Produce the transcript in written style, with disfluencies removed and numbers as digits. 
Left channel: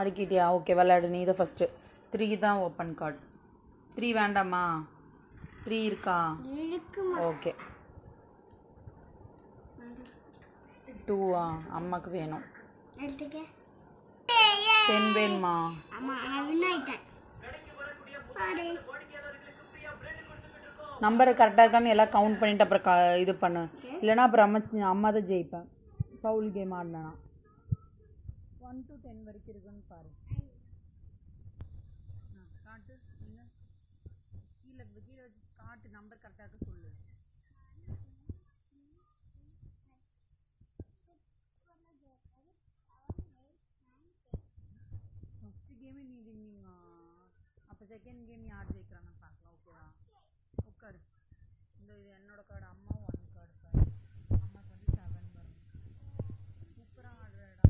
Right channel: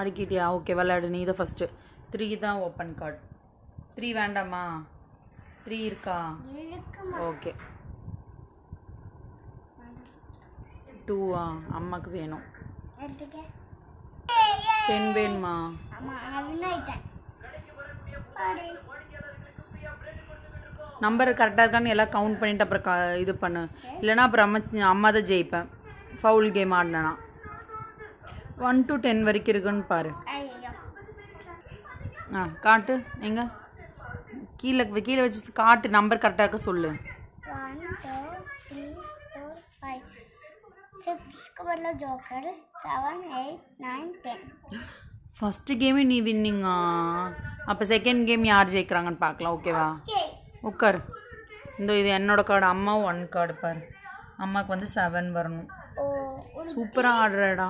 அடுக்கிட்டியா? Okay, விளையாடு. நீ தான் ஃபஸ்ட்டு. 3 தான் ஓப்பன் கார்டு. 3 வேண்டாமா? 3 இருக்கா? ஓகே. 2 அம்மாக்கு வேணும். 10 வேணுமா? நம்பர் கரெக்டாக இருக்கான்னு எல்லாம் கவுண்ட் பண்ணிட்டு அப்புறம் இது பண்ணு. இல்லைனா அப்புறம் அம்மா தான் ஜெயிப்பேன். ஃபவுல் கேம் ஆடினா 1 to 10 வரைக்கும் இருக்குன்னு பாரு. காட்டு. எங்க கீழே கீழே வச்சு காட்டு. நம்பர் கரெக்டாக இருக்க சொல்லு. 1 2 3 4 5 6 வரல ஜோக்கர் 7 8 9 10. ஃபர்ஸ்ட் கேமே நீ வின்னிங்கா? அப்போ செகண்ட் கேம் யார் ஜெயிக்கிறாங்கன்னு பார்க்கலாம். ஓகேவா? உட்கார். இது என்னோட கார்டு. அம்மா 1 கார்டு பாரு. அம்மாவுக்கு வந்து 7 வரணும். சூப்பராக ஆடுறடா.